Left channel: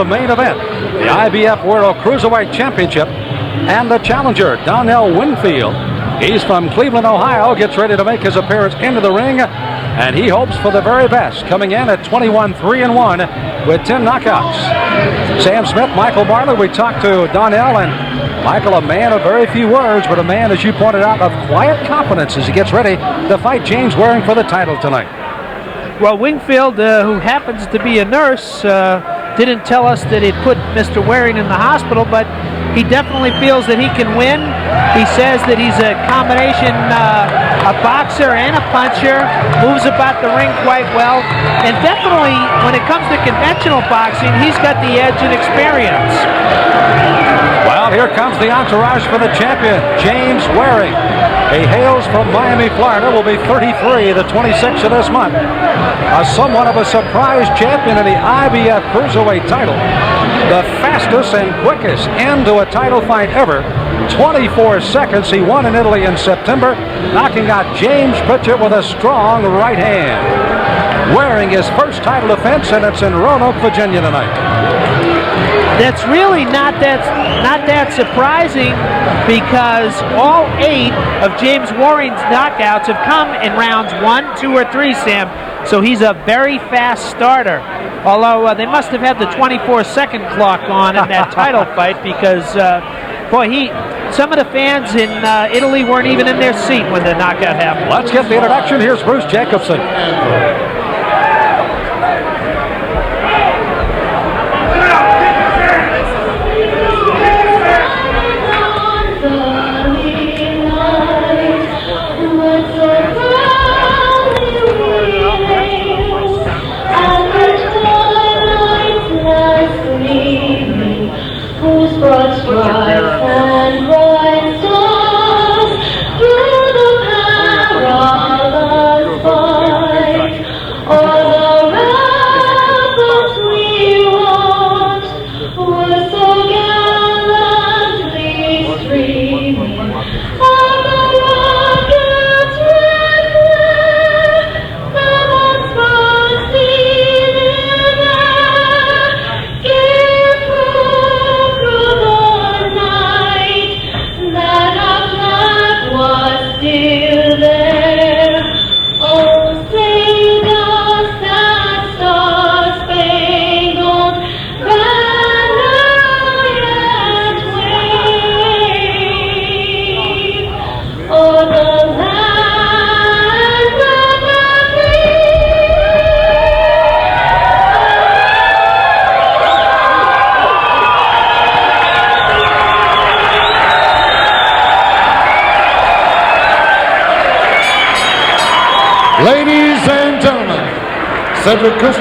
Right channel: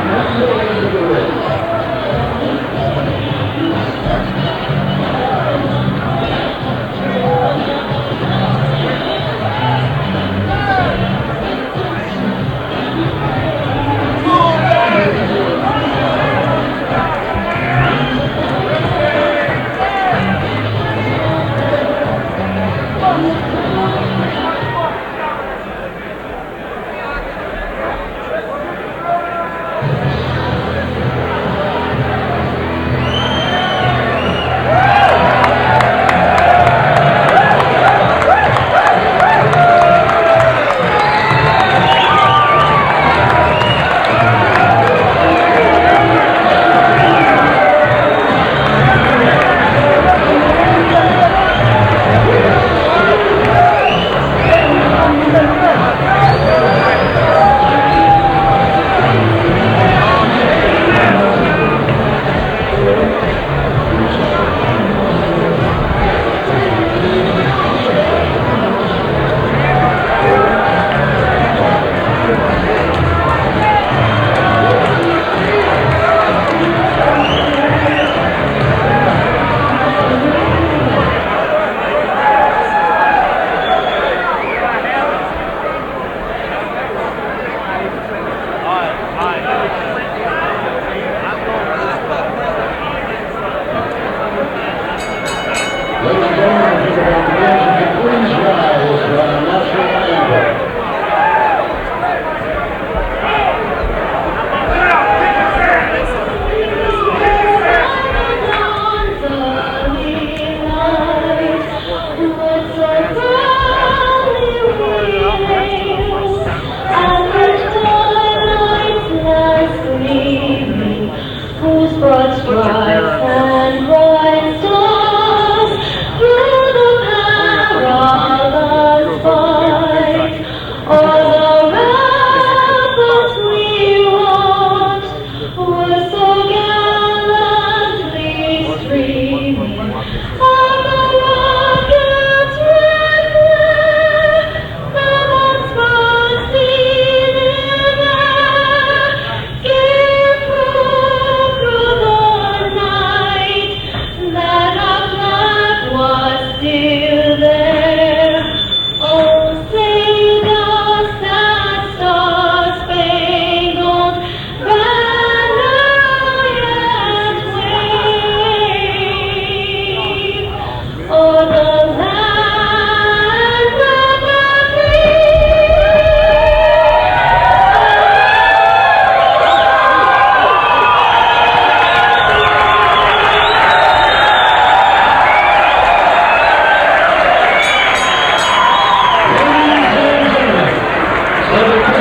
the main event, the IBF World Cruiserweight Championship, and the challenger, Donnell Wingfield. He's from Cleveland, Ohio, gets ready to make his appearance into the ring, and he hopes for the very best, coming in at 21-3-1 with 10 knockouts. Sam Smith, Michael Bartlett, we talked to Donnell, and Michael, a man of very few words, but a man, as you pointed out, of quiet confidence as he gets ready to fight James Waring for the title tonight. Well, Wingfield, who happens to be a nurse, didn't tell us that he'd put Mr. Waring in the hospital, but he definitely feels that he can win. He says that he's a combination, a boxer and a puncher, moves about the ring quite well, and definitely, when it comes to conventional boxing, he's got the edge in experience. Well, here comes the entourage for the champion, James Waring. He hails from Miami, Florida, will be 33, the 26th of this month. Somewhat of a surprise champion in the IBF Cruiserweight title. The fastest and quickest end to a title fight ever. 24 seconds. He won in Italy in September, knocking out James Butcher with a strong right hand. Wearing his first title defense, and it's in Roanoke, Virginia tonight. That's really not that surprising, because all 8 of James Waring's knockouts have come in rounds 1, 2, or 3, Sam. So he's a very fast starter. Although they must have had the 24-second clock on in that title fight, because some of the fans in Italy weren't even in their seat when the knockout happened. Let's get the introduction. Here's Bruce Jacobson.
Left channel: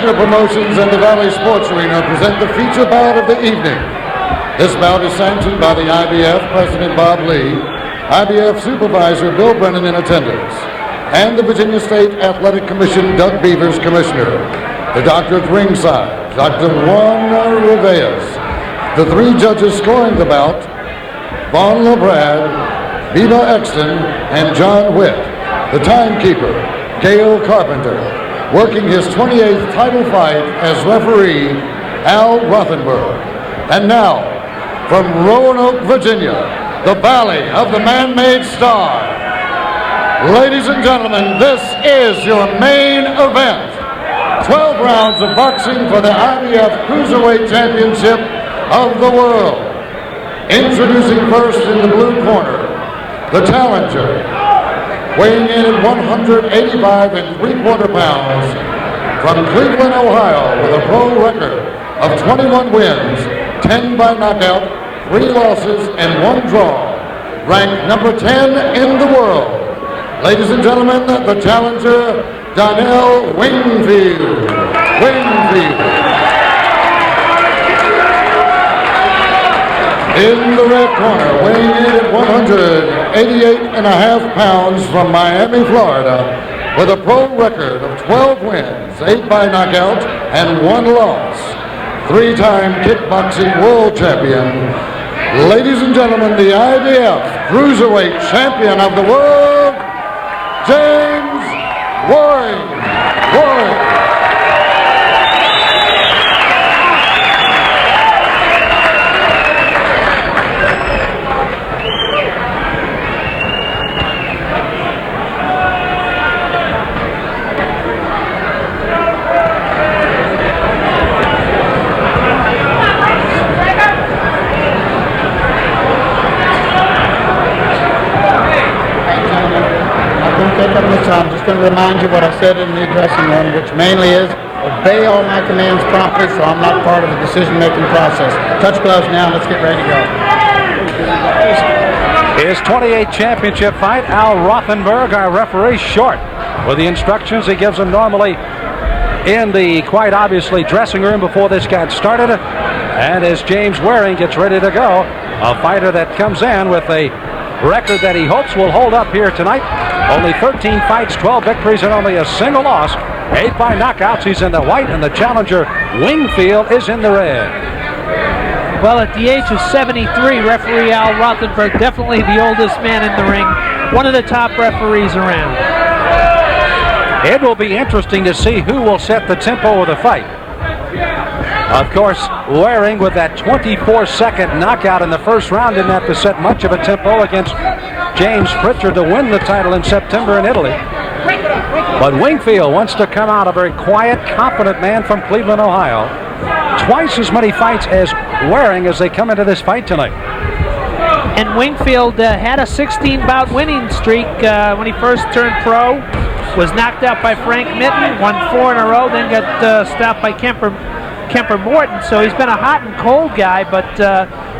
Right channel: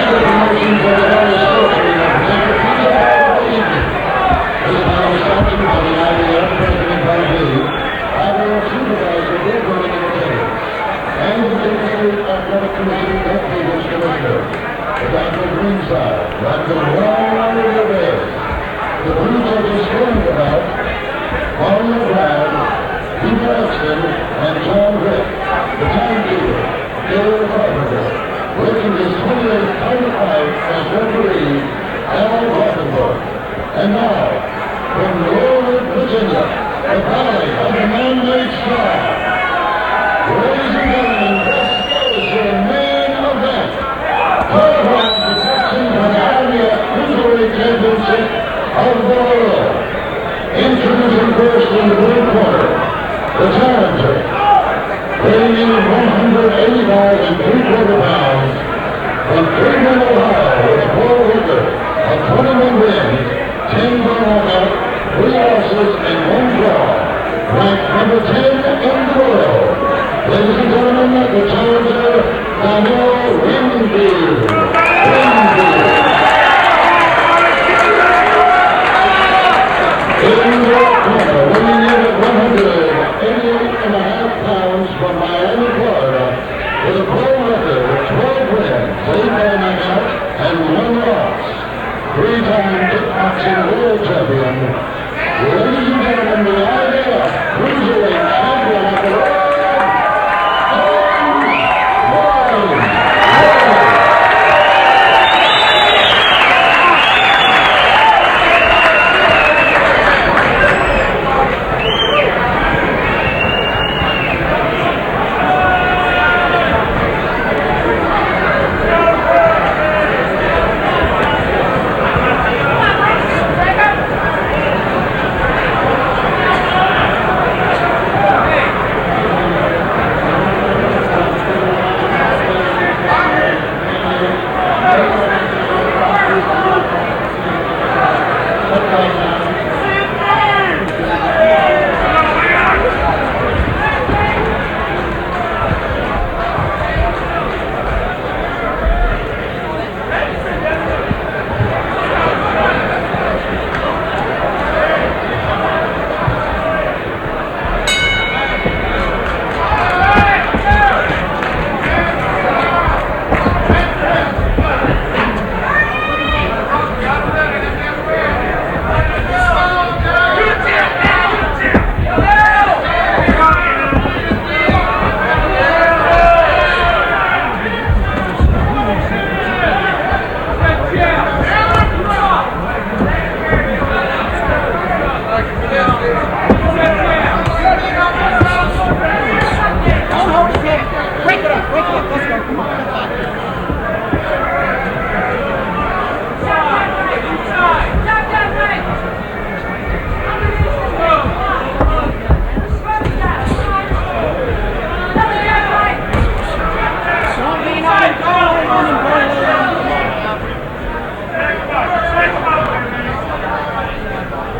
Promotions and the Valley Sports Arena present the feature bout of the evening. This bout is sanctioned by the IBF President Bob Lee, IBF Supervisor Bill Brennan in attendance, and the Virginia State Athletic Commission Doug Beavers Commissioner. The doctor at ringside, Dr. Juan Rivas. The 3 judges scoring the bout, Vaughn LeBrad, Viva Exton, and John Witt. The timekeeper, Gail Carpenter. Working his 28th title fight as referee, Al Rothenberg. And now, from Roanoke, Virginia, the Valley of the Man-Made Star. Ladies and gentlemen, this is your main event. 12 rounds of boxing for the IBF Cruiserweight Championship of the world. Introducing first in the blue corner, the challenger. Weighing in at 185 3/4 pounds, from Cleveland, Ohio, with a pro record of 21 wins, 10 by knockout, 3 losses, and 1 draw. Ranked number 10 in the world. Ladies and gentlemen, the challenger, Donnell Wingfield. In the red corner, weighing in at 188.5 pounds, from Miami, Florida, with a pro record of 12 wins, 8 by knockout, and 1 loss. 3-time kickboxing world champion. Ladies and gentlemen, the IBF Cruiserweight Champion of the world, James Waring. said in the dressing room, which mainly is, obey all my commands promptly so I'm not part of the decision-making process. Touch gloves now, let's get ready to go. His 28 championship fight, Al Rothenberg, our referee, short with the instructions he gives him normally in the, quite obviously, dressing room before this got started. And as James Waring gets ready to go, a fighter that comes in with a record that he hopes will hold up here tonight. Only 13 fights, 12 victories, and only a single loss. 8 by knockouts. He's in the white, and the challenger, Wingfield, is in the red. Well, at the age of 73, referee Al Rothenberg, definitely the oldest man in the ring, one of the top referees around. It will be interesting to see who will set the tempo of the fight. Of course, Waring, with that 24-second knockout in the first round, didn't have to set much of a tempo against James Pritchard to win the title in September in Italy. But Wingfield wants to come out a very quiet, confident man from Cleveland, Ohio. Twice as many fights as Waring as they come into this fight tonight. And Wingfield had a 16-bout winning streak when he first turned pro. Was knocked out by Frank Mitten, won 4 in a row, then got stopped by Kemper Morton. So he's been a hot and cold guy, but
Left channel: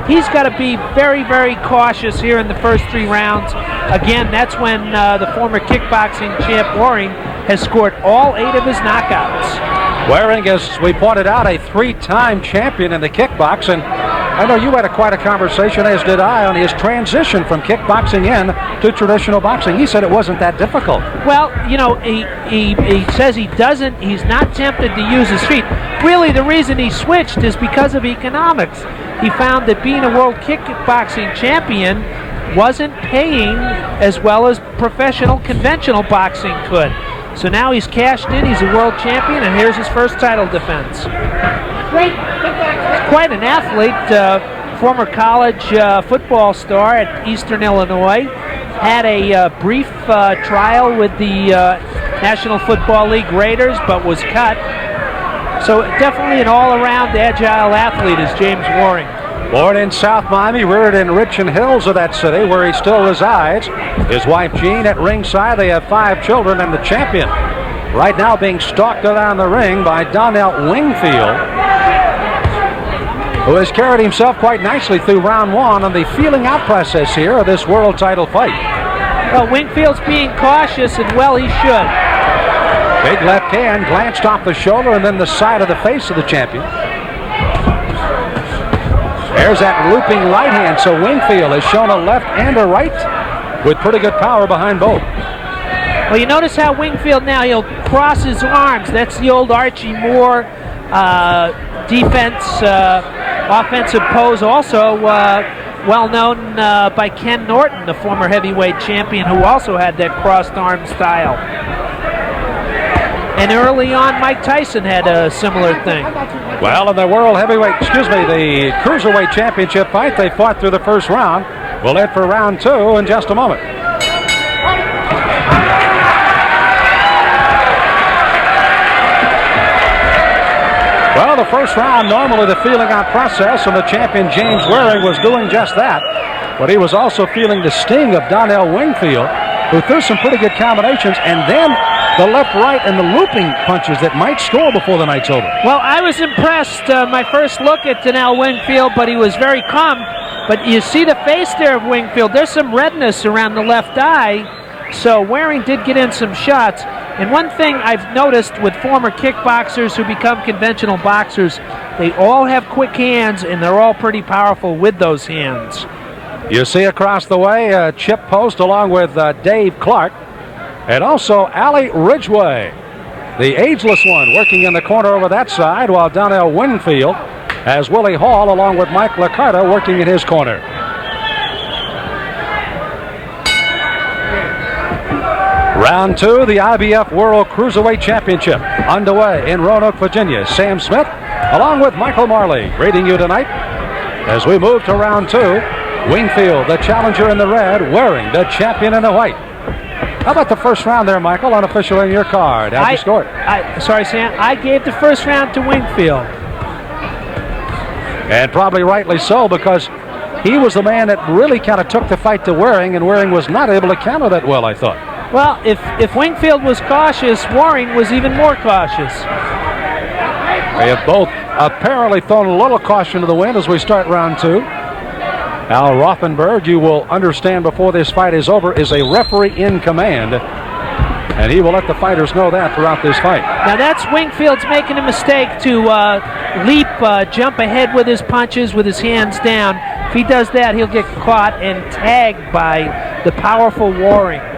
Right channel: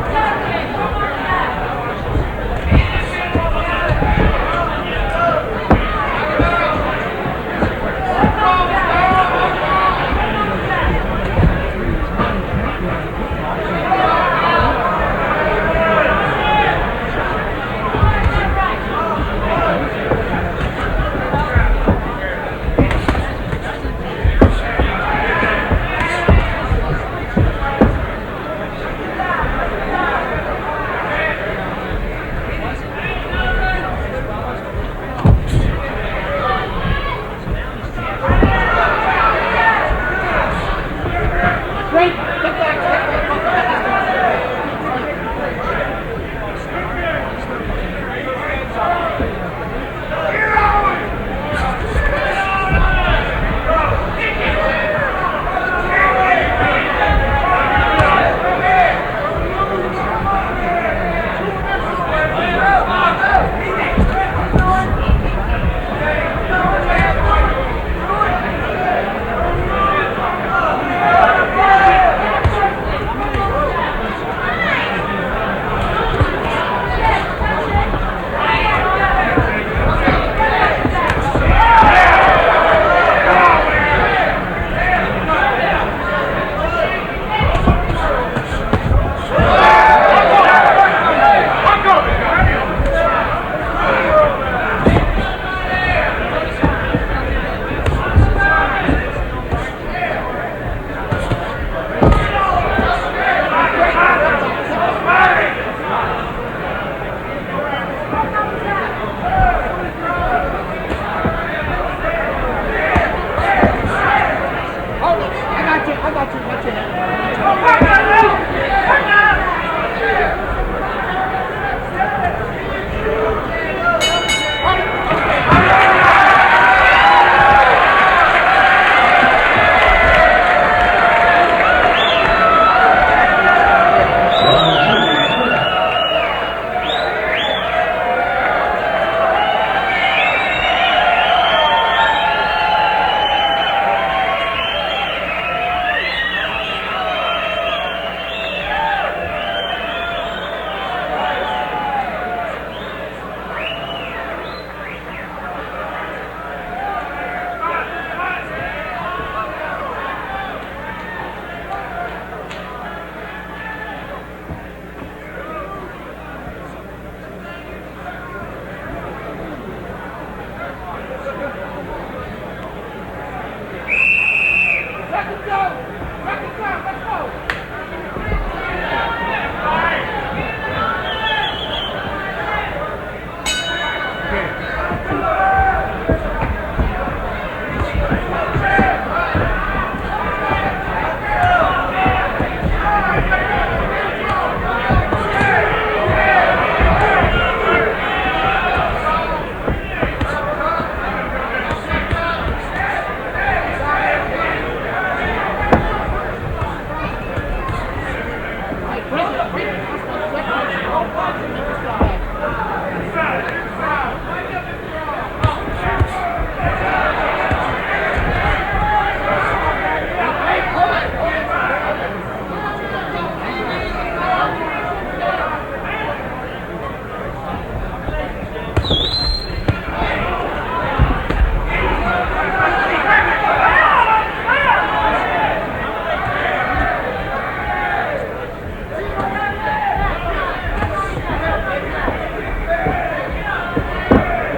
he's got to be very, very cautious here in the first 3 rounds. Again, that's when the former kickboxing champ Waring has scored all 8 of his knockouts. Waring, as we pointed out, a 3-time champion in the kickboxing. I know you had quite a conversation, as did I, on his transition from kickboxing in to traditional boxing. He said it wasn't that difficult. Well, you know, he says he's not tempted to use his feet. Really, the reason he switched is because of economics. He found that being a world kickboxing champion wasn't paying as well as professional conventional boxing could. So now he's cashed in, he's a world champion, and here's his first title defense. He's quite an athlete, former college football star at Eastern Illinois. Had a brief trial with the National Football League Raiders, but was cut. So definitely an all-around agile athlete is James Waring. Born in South Miami, reared in Richmond Hills of that city, where he still resides. His wife Jean at ringside. They have 5 children, and the champion right now being stalked around the ring by Donnell Wingfield, who has carried himself quite nicely through round 1 on the feeling out process here of this world title fight. Well, Wingfield's being cautious, and well, he should. Big left hand glanced off the shoulder and then the side of the face of the champion. There's that looping right hand, so Wingfield has shown a left and a right with pretty good power behind both. Well, you notice how Wingfield now, he'll cross his arms. That's the old Archie Moore defense, offensive pose, also well known by Ken Norton, the former heavyweight champion, who also had that crossed arm style. And early on, Mike Tyson had a similar thing. Well, in the the Cruiserweight Championship fight, they fought through the first round. We'll head for round 2 in just a moment. Well, the first round, normally the feeling out process, and the champion James Waring was doing just that. But he was also feeling the sting of Donnell Wingfield, who threw some pretty good combinations, and then the left, right, and the looping punches that might score before the night's over. Well, I was impressed my first look at Donnell Wingfield, but he was very calm. But you see the face there of Wingfield. There's some redness around the left eye, so Waring did get in some shots. And one thing I've noticed with former kickboxers who become conventional boxers, they all have quick hands, and they're all pretty powerful with those hands. You see across the way, Chip Post along with Dave Clark. And also Ali Ridgway, the ageless one, working in the corner over that side, while Donnell Wingfield has Willie Hall along with Mike Liccardo working in his corner. Round 2, the IBF World Cruiserweight Championship underway in Roanoke, Virginia. Sam Smith along with Michael Marley greeting you tonight as we move to round 2. Wingfield, the challenger in the red, Waring, the champion in the white. How about the first round there, Michael, unofficial in your card? How'd you score it? Sorry, Sam. I gave the first round to Wingfield. And probably rightly so, because he was the man that really kind of took the fight to Waring, and Waring was not able to counter that well, I thought. Well, if Wingfield was cautious, Waring was even more cautious. They have both apparently thrown a little caution to the wind as we start round 2. Al Rothenberg, you will understand before this fight is over, is a referee in command. And he will let the fighters know that throughout this fight. Now that's Wingfield's making a mistake to jump ahead with his punches, with his hands down. If he does that, he'll get caught and tagged by the powerful Waring.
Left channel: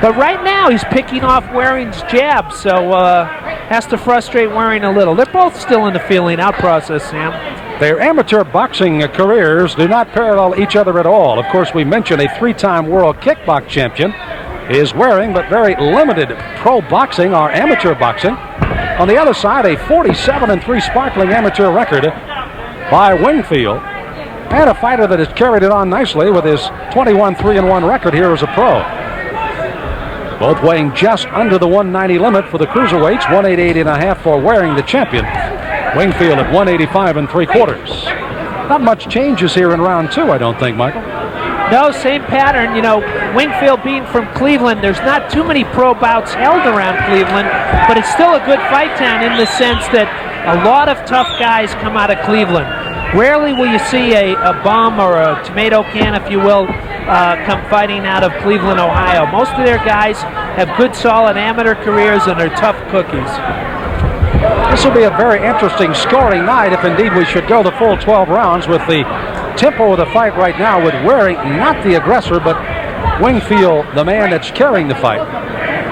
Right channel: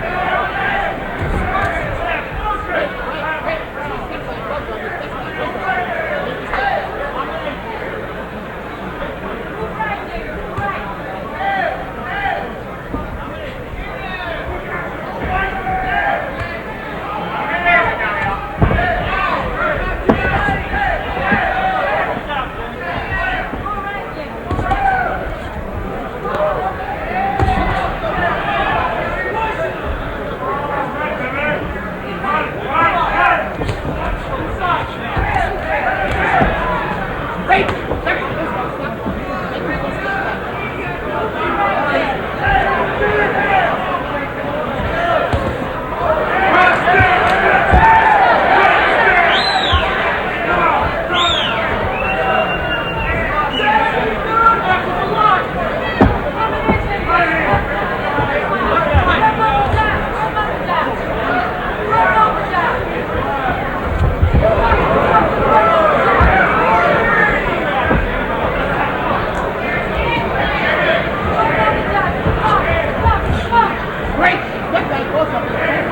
But right now, he's picking off Waring's jab, so has to frustrate Waring a little. They're both still in the feeling-out process, Sam. Their amateur boxing careers do not parallel each other at all. Of course, we mentioned a 3-time world kickbox champion is Waring, but very limited pro boxing or amateur boxing. On the other side, a 47-3 sparkling amateur record by Wingfield, and a fighter that has carried it on nicely with his 21-3-1 record here as a pro. Both weighing just under the 190 limit for the cruiserweights, 188.5 for Waring, the champion. Wingfield at 185 3/4. Not much changes here in round 2, I don't think, Mike. No, same pattern. You know, Wingfield being from Cleveland, there's not too many pro bouts held around Cleveland, but it's still a good fight town in the sense that a lot of tough guys come out of Cleveland. Rarely will you see a bomb or a tomato can, if you will, come fighting out of Cleveland, Ohio. Most of their guys have good, solid amateur careers and are tough cookies. This will be a very interesting scoring night if indeed we should go the full 12 rounds with the tempo of the fight right now with Waring, not the aggressor, but Wingfield, the man that's carrying the fight.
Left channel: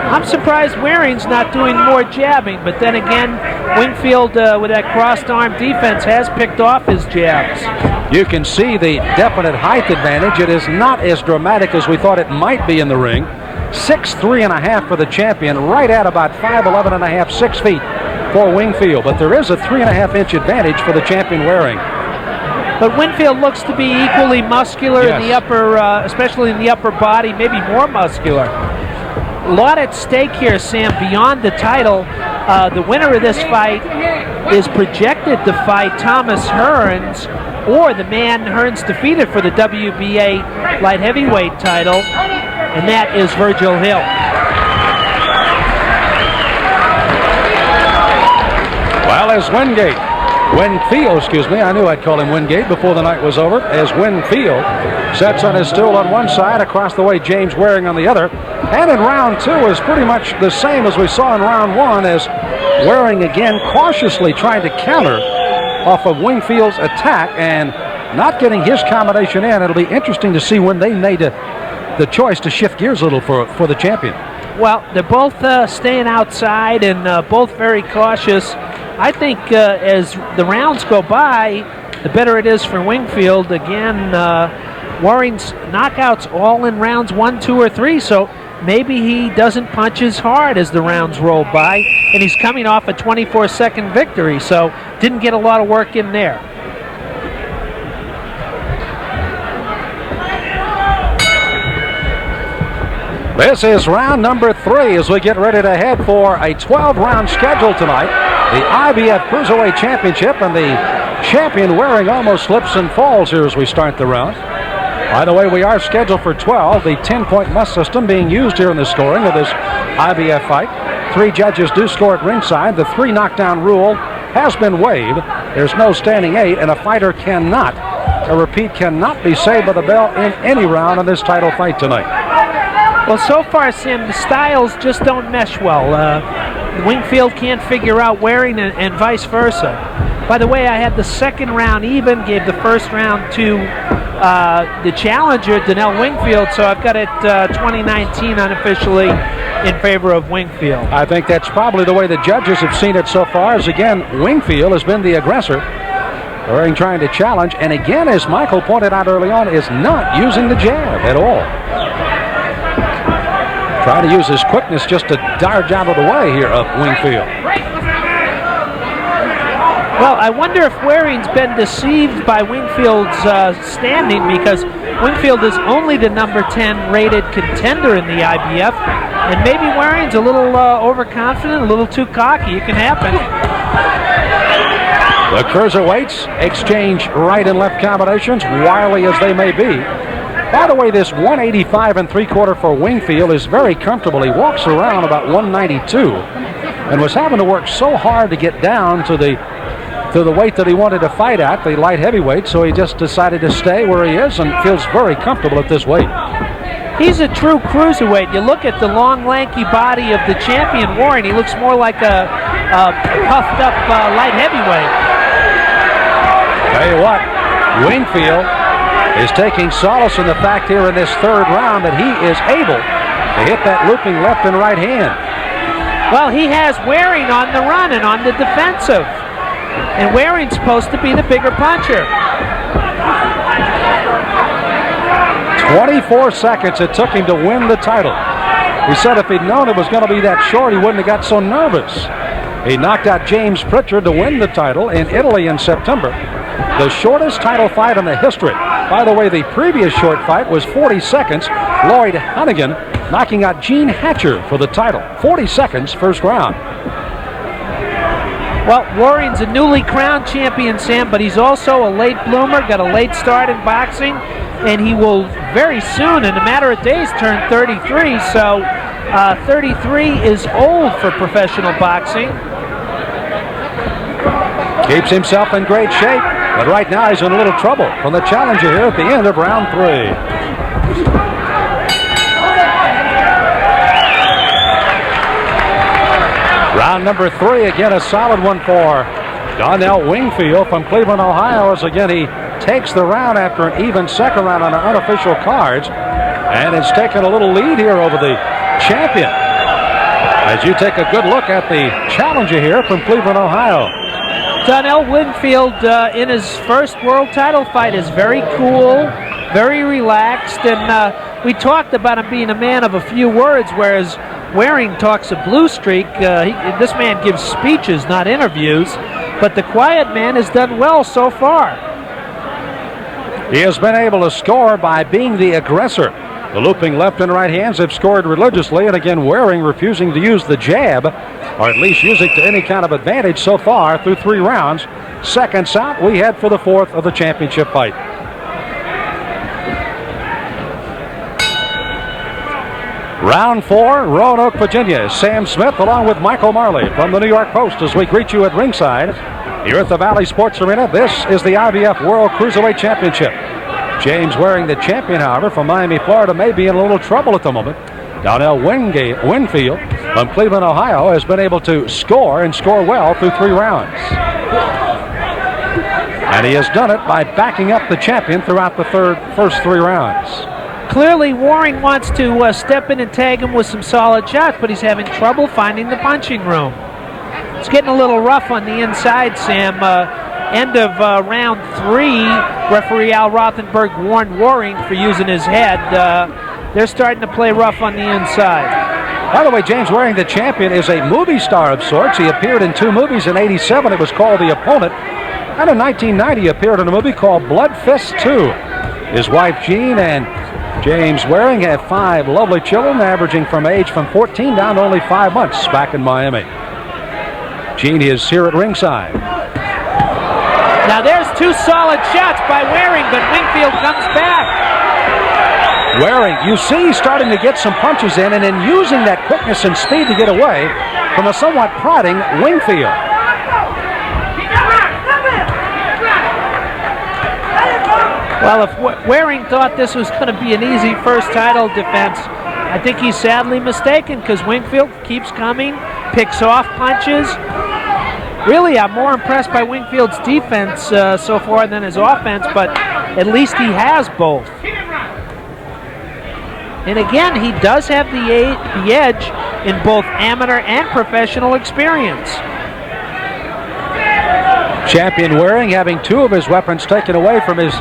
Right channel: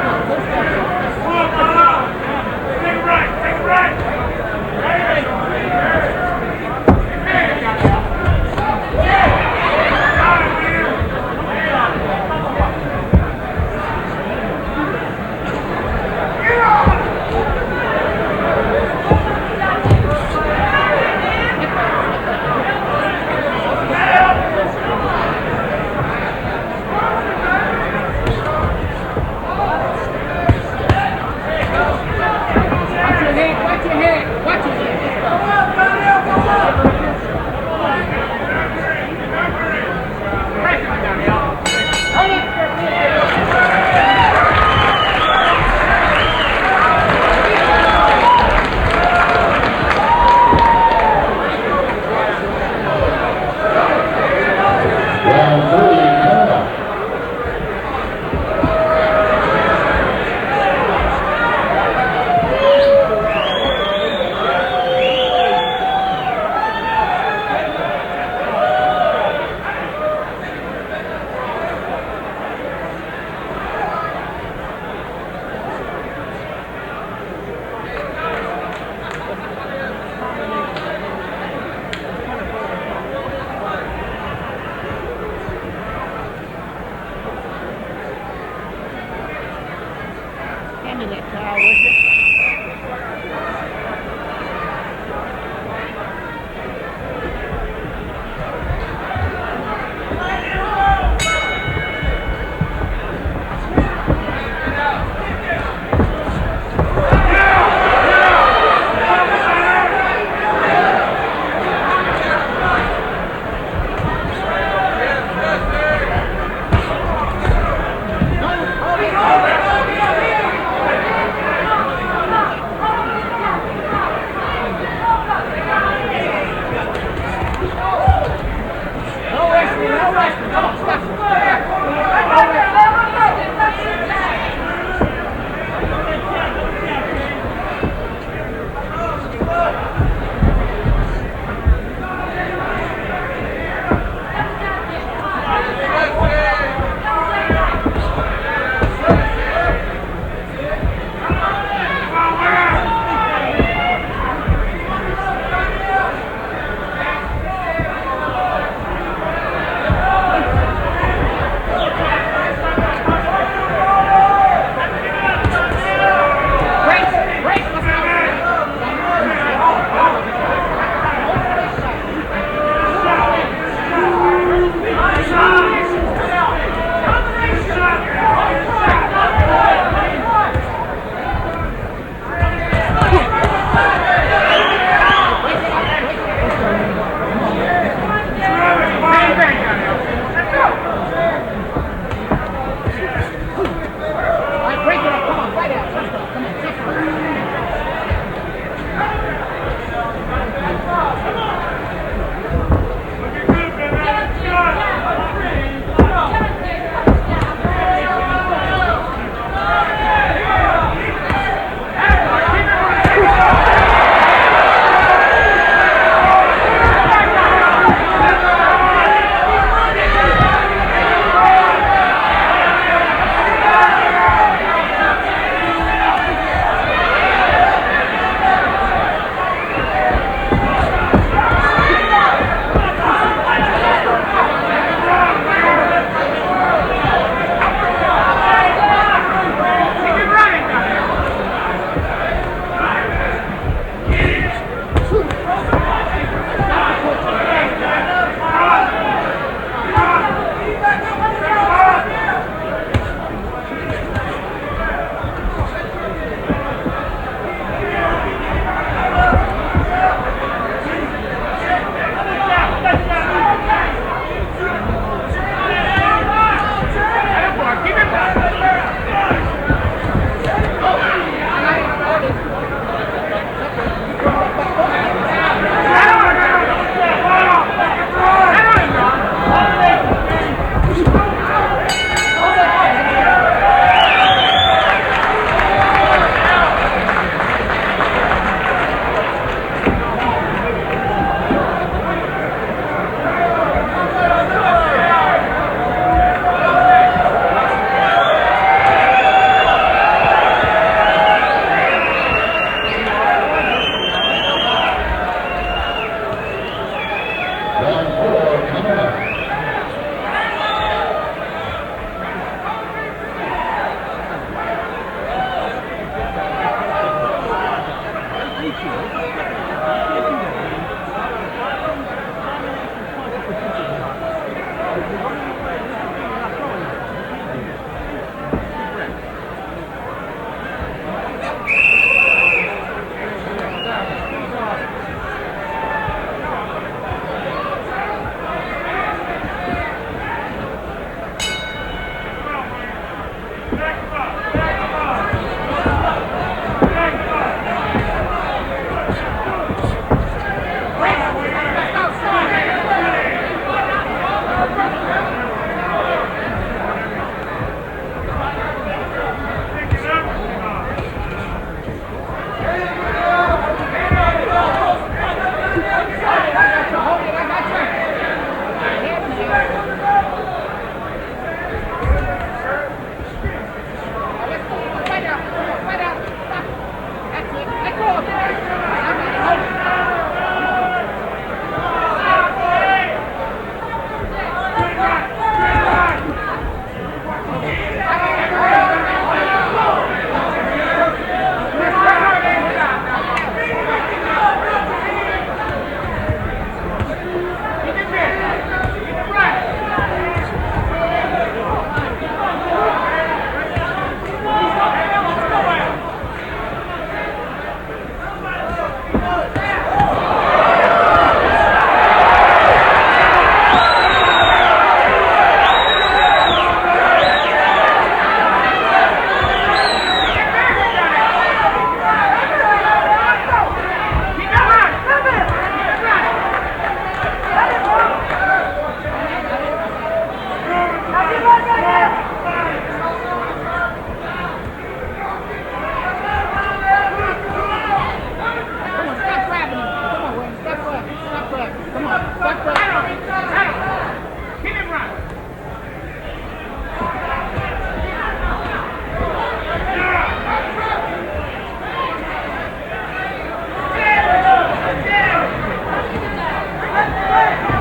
I'm surprised Waring's not doing more jabbing, but then again, Wingfield with that crossed arm defense has picked off his jabs. You can see the definite height advantage. It is not as dramatic as we thought it might be in the ring. 6'3.5" for the champion, right at about 5'11.5", 6 feet for Wingfield. But there is a 3.5-inch advantage for the champion Waring. But Wingfield looks to be equally muscular in the upper, especially in the upper body, maybe more muscular. A lot at stake here, Sam, beyond the title. The winner of this fight is projected to fight Thomas Hearns, or the man Hearns defeated for the WBA light heavyweight title, and that is Virgil Hill. Well, as Wingfield, excuse me, I knew I'd call him Wingate before the night was over, as Wingfield sets on his stool on one side, across the way James Waring on the other. And in round 2 is pretty much the same as we saw in round 1, as Waring again cautiously trying to counter off of Wingfield's attack and not getting his combination in. It'll be interesting to see when they made the choice to shift gears a little for the champion. Well, they're both staying outside and both very cautious. I think as the rounds go by, the better it is for Wingfield. Again, Waring's knockouts all in rounds 1, 2, or 3, so maybe he doesn't punch as hard as the rounds roll by, and he's coming off a 24-second victory, so didn't get a lot of work in there. This is round number 3 as we get ready to head for a 12-round schedule tonight. The IBF Cruiserweight Championship, and the champion Waring almost slips and falls here as we start the round. By the way, we are scheduled for 12, the 10-point plus system being used here in the scoring of this IBF fight. 3 judges do score at ringside. The 3 knockdown rule has been waived. There's no standing 8, and a fighter cannot be saved by the bell in any round in this title fight tonight. Well, so far, Sam, the styles just don't mesh well. Wingfield can't figure out Waring and vice versa. By the way, I had the second round even, gave the first round to the challenger, Donnell Wingfield, so I've got it 2019 unofficially in favor of Wingfield. I think that's probably the way the judges have seen it so far, as again, Wingfield has been the aggressor. Waring trying to challenge, and again, as Michael pointed out early on, is not using the jab at all. Trying to use his quickness just to dodge out of the way here of Wingfield. Well, I wonder if Waring's been deceived by Wingfield's standing, because Wingfield is only the number 10 rated contender in the IBF, and maybe Waring's a little overconfident, a little too cocky. It can happen. The cruiserweights exchange right and left combinations, wily as they may be. By the way, this 185 3/4 for Wingfield is very comfortable. He walks around about 192 and was having to work so hard to get down to the weight that he wanted to fight at, the light heavyweight, so he just decided to stay where he is and feels very comfortable at this weight. He's a true cruiserweight. You look at the long, lanky body of the champion Warren, he looks more like a puffed up light heavyweight. Tell you what, Wingfield is taking solace in the fact here in this third round that he is able to hit that looping left and right hand. Well, he has Waring on the run and on the defensive. And Waring's supposed to be the bigger puncher. 24 seconds it took him to win the title. He said if he'd known it was going to be that short, he wouldn't have got so nervous. He knocked out James Pritchard to win the title in Italy in September. The shortest title fight in the history. By the way, the previous short fight was 40 seconds. Lloyd Hannigan knocking out Gene Hatcher for the title. 40 seconds, first round. Well, Waring's a newly crowned champion, Sam, but he's also a late bloomer, got a late start in boxing, and he will very soon, in a matter of days, turn 33. So 33 is old for professional boxing. Keeps himself in great shape, but right now he's in a little trouble from the challenger here at the end of round 3. Round number 3, again a solid one for Donnell Wingfield from Cleveland, Ohio, as again he takes the round after an even second round on the unofficial cards and has taken a little lead here over the champion. As you take a good look at the challenger here from Cleveland, Ohio. Donnell Wingfield in his first world title fight is very cool, very relaxed, and we talked about him being a man of a few words, whereas Waring talks a blue streak. This man gives speeches, not interviews, but the quiet man has done well so far. He has been able to score by being the aggressor. The looping left and right hands have scored religiously, and again Waring refusing to use the jab, or at least use it to any kind of advantage so far through 3 rounds. Seconds out, we head for the 4th of the championship fight. Round 4, Roanoke, Virginia. Sam Smith along with Michael Marley from the New York Post as we greet you at ringside here at the Valley Sports Arena. This is the IBF World Cruiserweight Championship. James Waring, the champion, however, from Miami, Florida, may be in a little trouble at the moment. Donnell Wingfield from Cleveland, Ohio, has been able to score and score well through 3 rounds. And he has done it by backing up the champion throughout the first 3 rounds. Clearly, Waring wants to step in and tag him with some solid shots, but he's having trouble finding the punching room. It's getting a little rough on the inside, Sam. End of round 3, referee Al Rothenberg warned Waring for using his head. They're starting to play rough on the inside. By the way, James Waring, the champion, is a movie star of sorts. He appeared in 2 movies in '87. It was called The Opponent. And in 1990, he appeared in a movie called Blood Fist 2. His wife, Jean, and James Waring have 5 lovely children, averaging from 14 down to only 5 months back in Miami. Gene is here at ringside. Now there's 2 solid shots by Waring, but Wingfield comes back. Waring, you see, starting to get some punches in and then using that quickness and speed to get away from a somewhat prodding Wingfield. Well, if Waring thought this was going to be an easy first title defense, I think he's sadly mistaken, because Wingfield keeps coming, picks off punches. Really, I'm more impressed by Wingfield's defense so far than his offense, but at least he has both. And again, he does have the edge in both amateur and professional experience. Champion Waring having 2 of his weapons taken away from his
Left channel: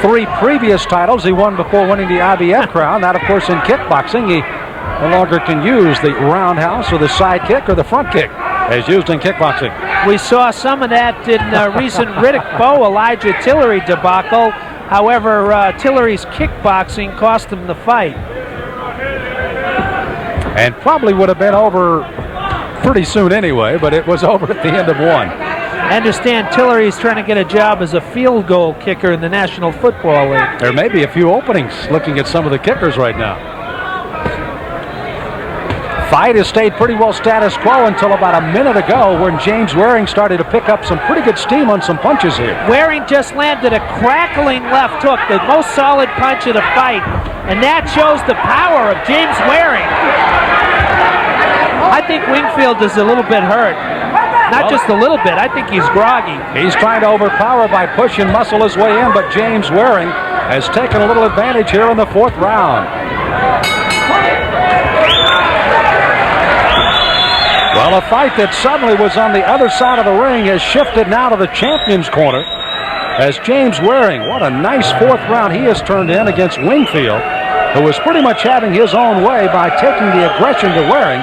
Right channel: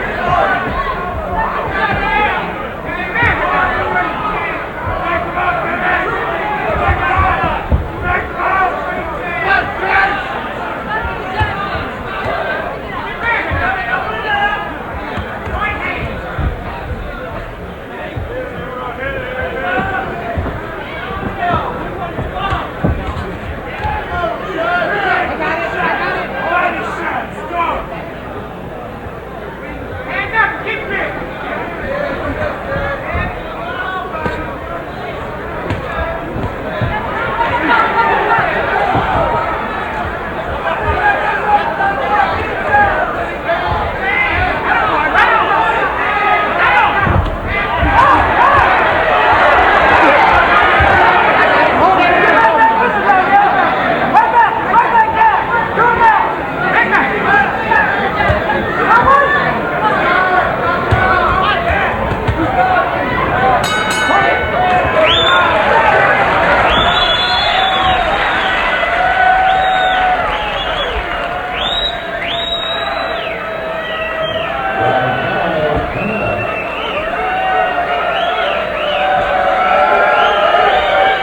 3 previous titles he won before winning the IBF crown. That, of course, in kickboxing, he no longer can use the roundhouse or the side kick or the front kick as used in kickboxing. We saw some of that in recent Riddick Bowe Elijah Tillery debacle. However, Tillery's kickboxing cost him the fight. And probably would have been over pretty soon anyway, but it was over at the end of 1. I understand Tillery's trying to get a job as a field goal kicker in the National Football League. There may be a few openings looking at some of the kickers right now. Fight has stayed pretty well status quo until about a minute ago when James Waring started to pick up some pretty good steam on some punches here. Waring just landed a crackling left hook, the most solid punch of the fight, and that shows the power of James Waring. I think Wingfield is a little bit hurt. Not just a little bit, I think he's groggy. He's trying to overpower by pushing muscle his way in, but James Waring has taken a little advantage here in the 4th round. Well, a fight that suddenly was on the other side of the ring has shifted now to the champion's corner as James Waring, what a nice 4th round he has turned in against Wingfield, who was pretty much having his own way by taking the aggression to Waring.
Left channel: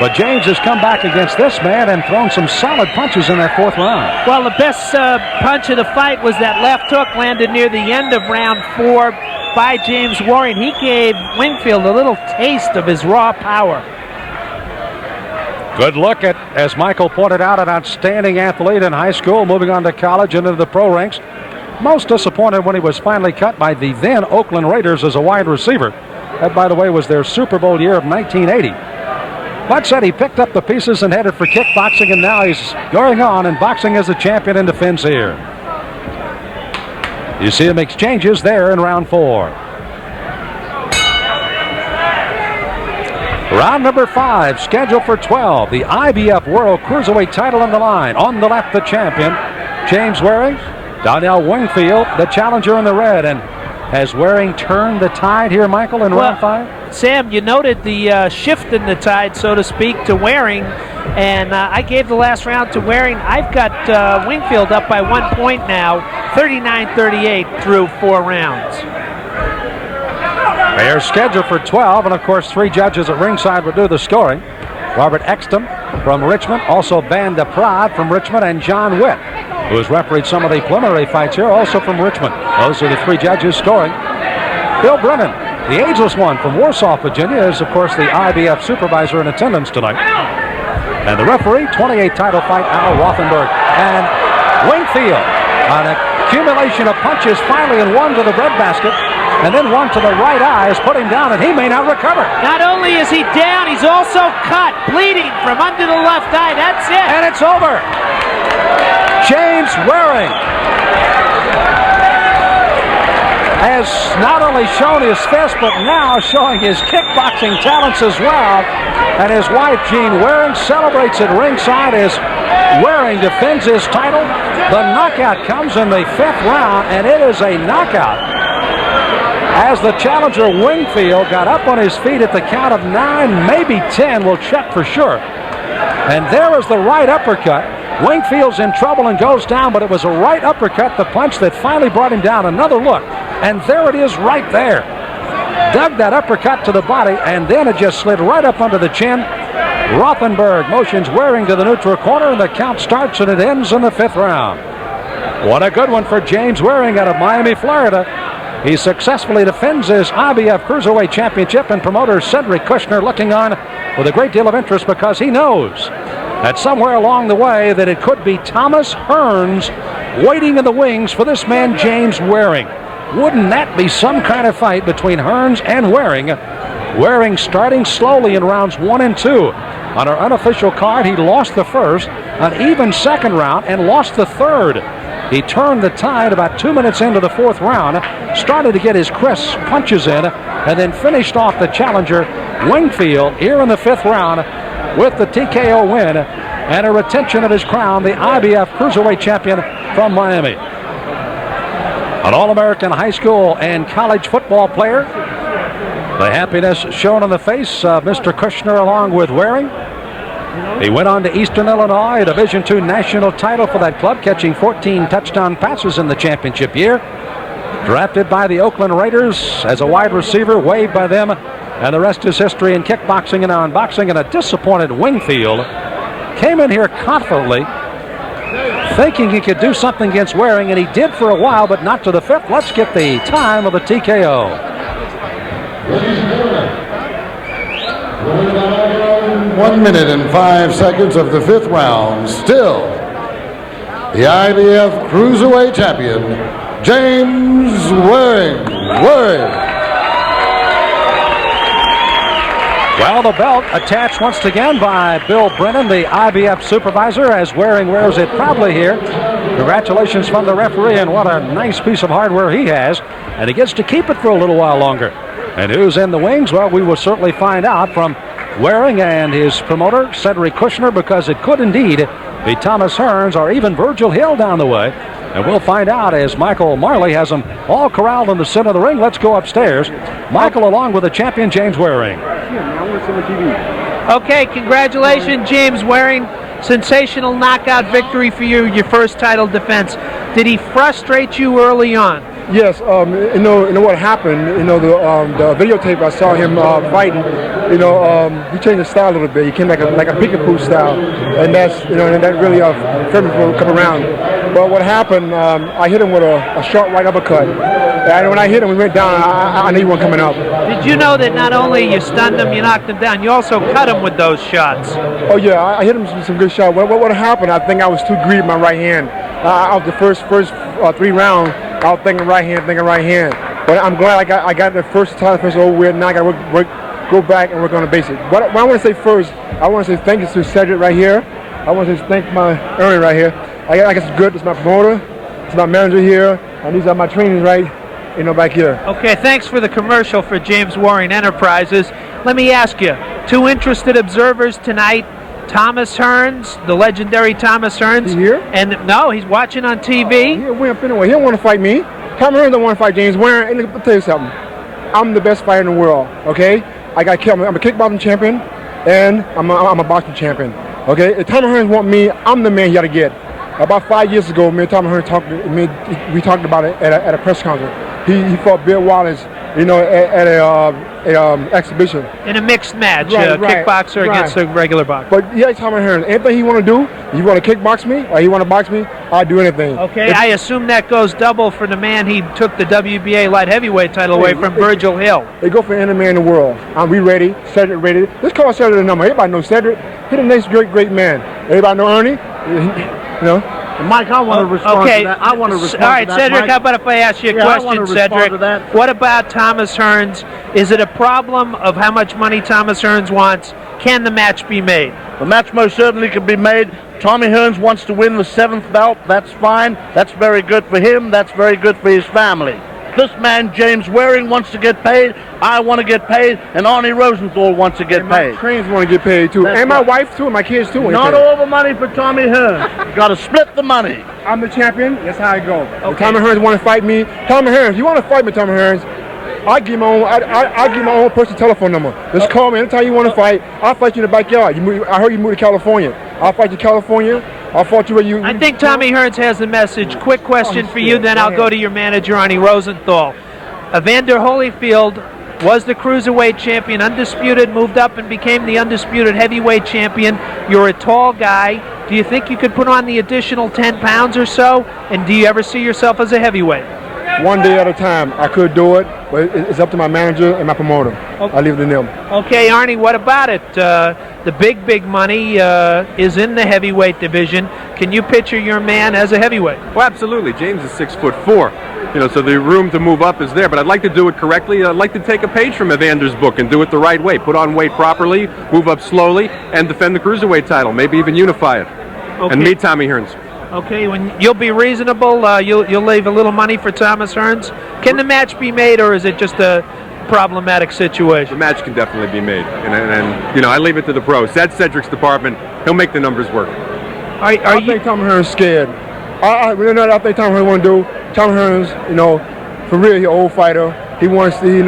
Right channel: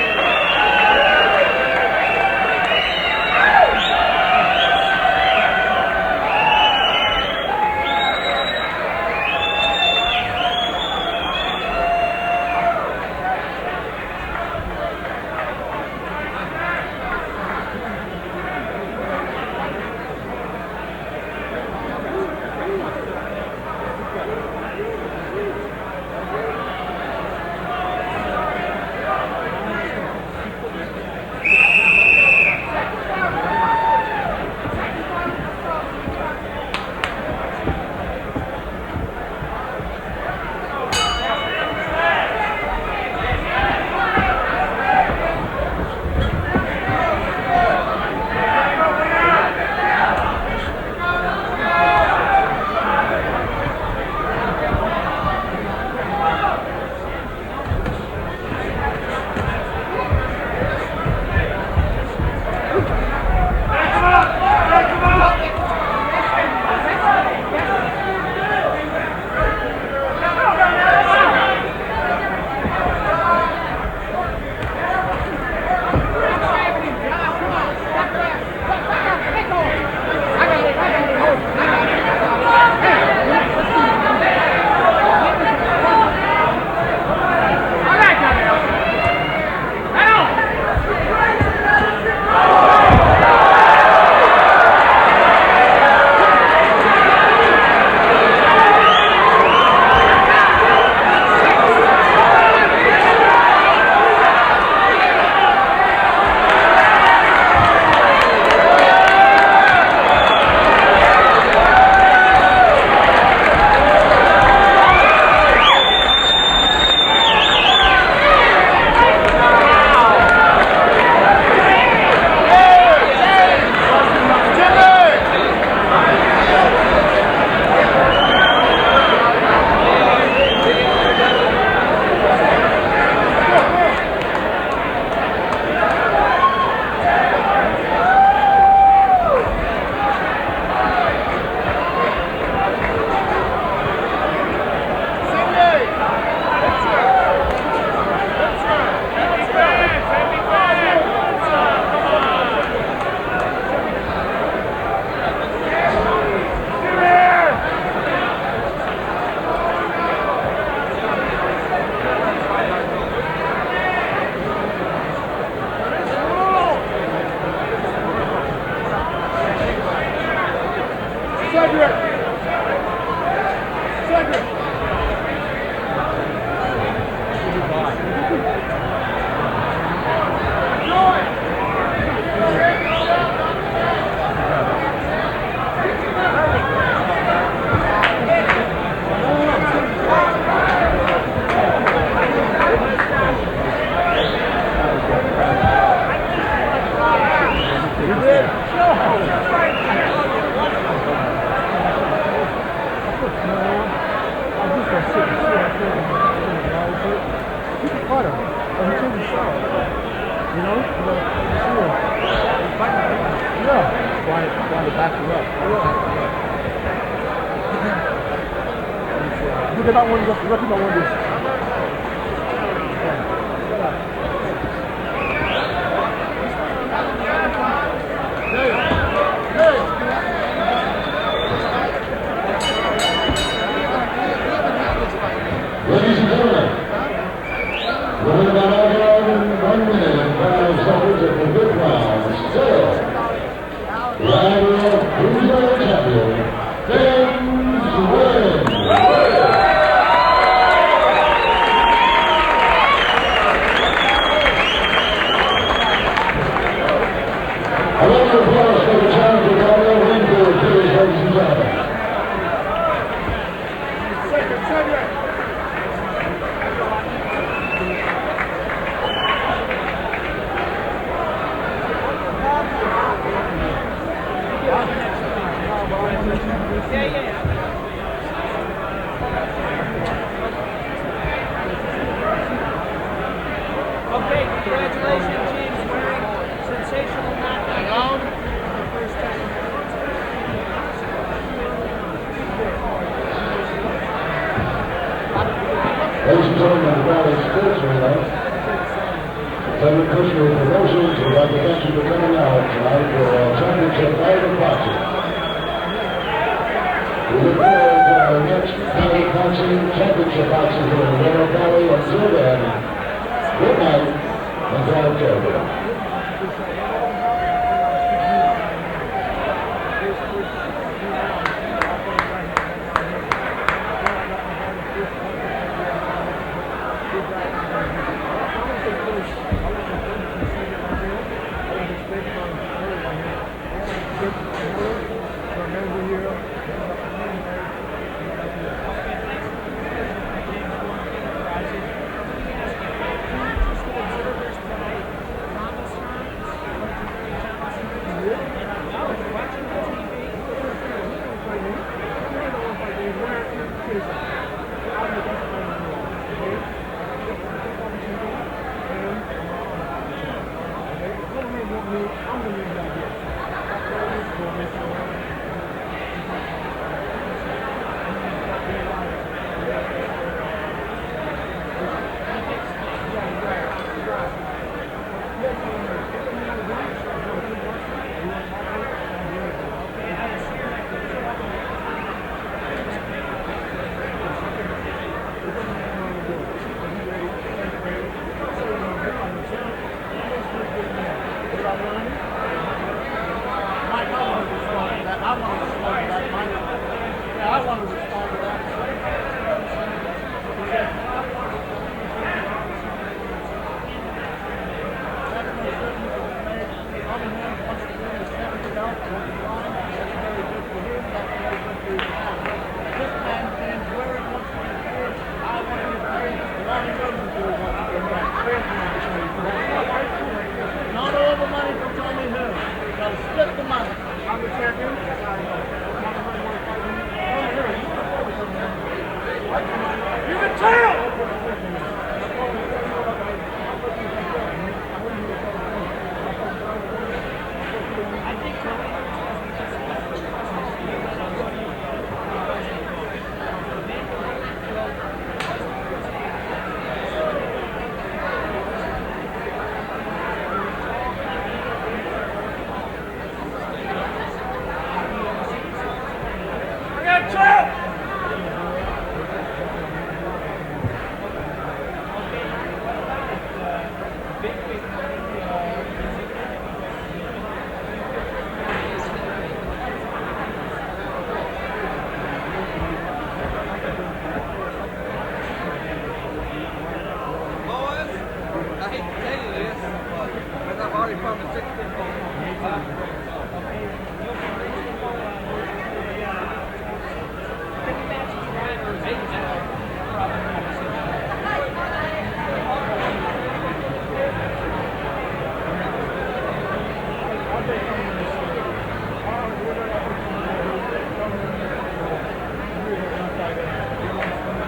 But James has come back against this man and thrown some solid punches in that 4th round. Well, the best punch of the fight was that left hook landed near the end of round 4 by James Waring. He gave Wingfield a little taste of his raw power. Good look at, as Michael pointed out, an outstanding athlete in high school, moving on to college into the pro ranks. Most disappointed when he was finally cut by the then Oakland Raiders as a wide receiver. That, by the way, was their Super Bowl year of 1980. But said he picked up the pieces and headed for kickboxing, and now he's going on and boxing as a champion and defends here. You see him exchanges there in round 4. Round number 5, scheduled for 12. The IBF World Cruiserweight title on the line. On the left, the champion, James Waring. Donnell Wingfield, the challenger in the red. And has Waring turned the tide here, Michael, in round 5? Sam, you noted the shift in the tide, so to speak, to Waring. And I gave the last round to Waring. I've got Wingfield up by 1 point now, 39-38 through 4 rounds. They are scheduled for 12, and of course 3 judges at ringside will do the scoring. Robert Exton from Richmond, also Van de Praat from Richmond, and John Witt, who has refereed some of the preliminary fights here, also from Richmond. Those are the 3 judges scoring. Bill Brennan, the ageless one from Warsaw, Virginia, is of course the IBF supervisor in attendance tonight. And the referee, 28 title fight out of Rothenburg. And Wingfield, an accumulation of punches, finally in one to the breadbasket, and then one to the right eye is put him down, and he may not recover. Not only is he down, he's also cut, bleeding from under the left eye. That's it. And it's over. James Waring has not only shown his fist, but now showing his kickboxing talents as well. And his wife, Jean Waring, celebrates at ringside as Waring defends his title. The knockout comes in the 5th round, and it is a knockout. As the challenger Wingfield got up on his feet at the count of 9, maybe 10, we'll check for sure. And there is the right uppercut. Wingfield's in trouble and goes down, but it was a right uppercut, the punch that finally brought him down. Another look, and there it is right there. Dug that uppercut to the body, and then it just slid right up under the chin. Rothenberg motions Waring to the neutral corner, and the count starts and it ends in the 5th round. What a good one for James Waring out of Miami, Florida. He successfully defends his IBF Cruiserweight Championship, and promoter Cedric Kushner looking on with a great deal of interest because he knows that somewhere along the way that it could be Thomas Hearns waiting in the wings for this man James Waring. Wouldn't that be some kind of fight between Hearns and Waring? Waring starting slowly in rounds 1 and 2. On our unofficial card, he lost the first, an even 2nd round, and lost the 3rd. He turned the tide about 2 minutes into the 4th round, started to get his crisp punches in, and then finished off the challenger Wingfield here in the 5th round with the TKO win and a retention of his crown, the IBF Cruiserweight Champion from Miami. An All-American high school and college football player. The happiness shown on the face of Mr. Kushner along with Waring. He went on to Eastern Illinois, a Division II national title for that club, catching 14 touchdown passes in the championship year. Drafted by the Oakland Raiders as a wide receiver, waived by them, and the rest is history in kickboxing and now in boxing. And a disappointed Wingfield came in here confidently, thinking he could do something against Waring, and he did for a while, but not to the 5th. Let's get the time of the TKO. 1 minute and 5 seconds of the 5th round. Still the IBF Cruiserweight Champion, James Waring. Well, the belt attached once again by Bill Brennan, the IBF supervisor, as Waring wears it proudly here. Congratulations from the referee, and what a nice piece of hardware he has. And he gets to keep it for a little while longer. And who's in the wings? Well, we will certainly find out from Waring and his promoter, Cedric Kushner, because it could indeed be Thomas Hearns or even Virgil Hill down the way. And we'll find out as Michael Marley has them all corralled in the center of the ring. Let's go upstairs. Michael along with the champion, James Waring. Okay, congratulations, James Waring. Sensational knockout victory for you, your first title defense. Did he frustrate you early on? Yes, you know what happened. The videotape I saw him fight. He changed the style a little bit. He came like a peekaboo style, and that's and that really turned him to come around. But what happened? I hit him with a sharp right uppercut, and when I hit him, we went down. I knew he wasn't coming up. Did you know that not only you stunned him, you knocked him down, you also cut him with those shots? Oh yeah, I hit him with some good shots. What happened? I think I was too greedy with my right hand. Out the first 3 rounds. I was thinking right hand. But I'm glad I got the first time, over with. Now I got to go back and work on the basics. What I want to say first, I want to say thank you to Cedric right here. I want to say thank my Ernie right here. I guess it's good. It's my promoter. It's my manager here. And these are my trainers back here. Okay, thanks for the commercial for James Waring Enterprises. Let me ask you, 2 interested observers tonight. Thomas Hearns, the legendary Thomas Hearns. He's here? And no, he's watching on TV. He'll win anyway. He don't want to fight me. Thomas Hearns don't want to fight James Waring. And let me tell you something. I'm the best fighter in the world, okay? I'm a kickboxing champion, and I'm a boxing champion, okay? If Thomas Hearns want me, I'm the man you got to get. About 5 years ago, me and Thomas Hearns we talked about it at a press conference. He fought Bill Wallace, at an exhibition. In a mixed match, kickboxer against a regular boxer. But yeah, Thomas Hearns, anything he want to do, you want to kickbox me or you want to box me, I'll do anything. Okay, I assume that goes double for the man he took the WBA light heavyweight title away from, Virgil Hill. They go for any man in the world. We ready, Cedric ready. Let's call Cedric the number. Everybody knows Cedric. He's the next great man. Everybody know Ernie? Mike, I want to respond to that. I want to respond to that. All right, Cedric, how about if I ask you a question, Cedric? What about Thomas Hearns? Is it a problem of how much money Thomas Hearns wants? Can the match be made? The match most certainly can be made. Tommy Hearns wants to win the 7th belt. That's fine. That's very good for him. That's very good for his family. This man, James Waring, wants to get paid. I want to get paid. And Arnie Rosenthal wants to get paid. My trainers want to get paid, too. And my wife, too, and my kids, too. Not all the money for Tommy Hearns. You got to split the money. I'm the champion. That's how I go. Okay. If Tommy Hearns want to fight me, Tommy Hearns, you want to fight me, Tommy Hearns, I'll give my own personal telephone number. Just call me anytime you want to fight. I'll fight you in the backyard. I heard you moved to California. I'll fight you in California. I'll fight you where you... I think Tommy Hearns has the message. Quick question for you, then I'll go to your manager, Arnie Rosenthal. Evander Holyfield was the cruiserweight champion, undisputed, moved up and became the undisputed heavyweight champion. You're a tall guy. Do you think you could put on the additional 10 pounds or so? And do you ever see yourself as a heavyweight? One day at a time. I could do it, but it's up to my manager and my promoter. Okay. I leave it to them. Okay, Arnie, what about it? The big money is in the heavyweight division. Can you picture your man as a heavyweight? Well, absolutely. James is 6'4". So the room to move up is there, but I'd like to do it correctly. I'd like to take a page from Evander's book and do it the right way. Put on weight properly, move up slowly, and defend the cruiserweight title. Maybe even unify it. Okay. And meet Tommy Hearns. Okay, when you'll be reasonable, you'll leave a little money for Thomas Hearns. Can the match be made, or is it just a problematic situation? The match can definitely be made, and I leave it to the pros. That's Cedric's department. He'll make the numbers work. I think Tommy Hearns is scared. I think Tommy Hearns want to do. Tommy Hearns, for real, he's an old fighter. He wants to, he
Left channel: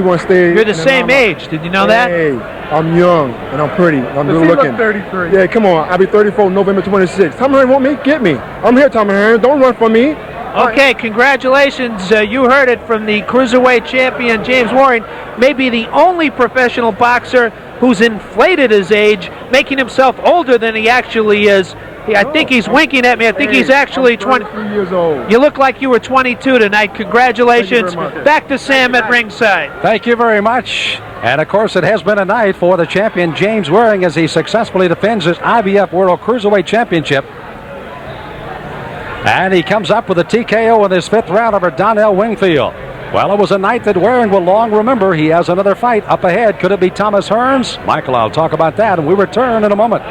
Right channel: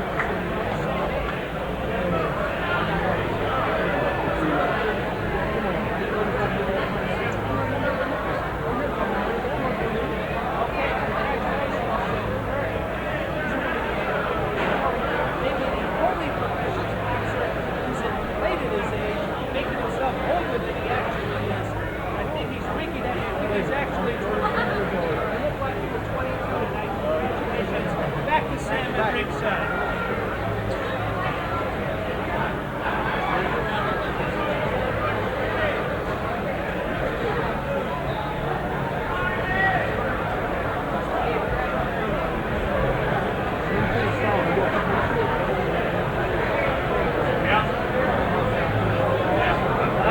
wants to stay. You're the same age. Did you know that? Hey, I'm young and I'm pretty. I'm good looking. 33. Yeah, come on. I'll be 34 November 26th. Tommy Hearns want me? Get me. I'm here, Tommy Hearns. Don't run from me. Okay, congratulations. You heard it from the cruiserweight champion, James Waring. Maybe the only professional boxer who's inflated his age, making himself older than he actually is. I think he's winking at me. I think he's actually 23 years old. You look like you were 22 tonight. Congratulations. Back to Sam at ringside. Thank you very much. And, of course, it has been a night for the champion, James Waring, as he successfully defends his IBF World Cruiserweight Championship. And he comes up with a TKO in his 5th round over Donnell Wingfield. Well, it was a night that Waring will long remember. He has another fight up ahead. Could it be Thomas Hearns? Michael, I'll talk about that, and we return in a moment.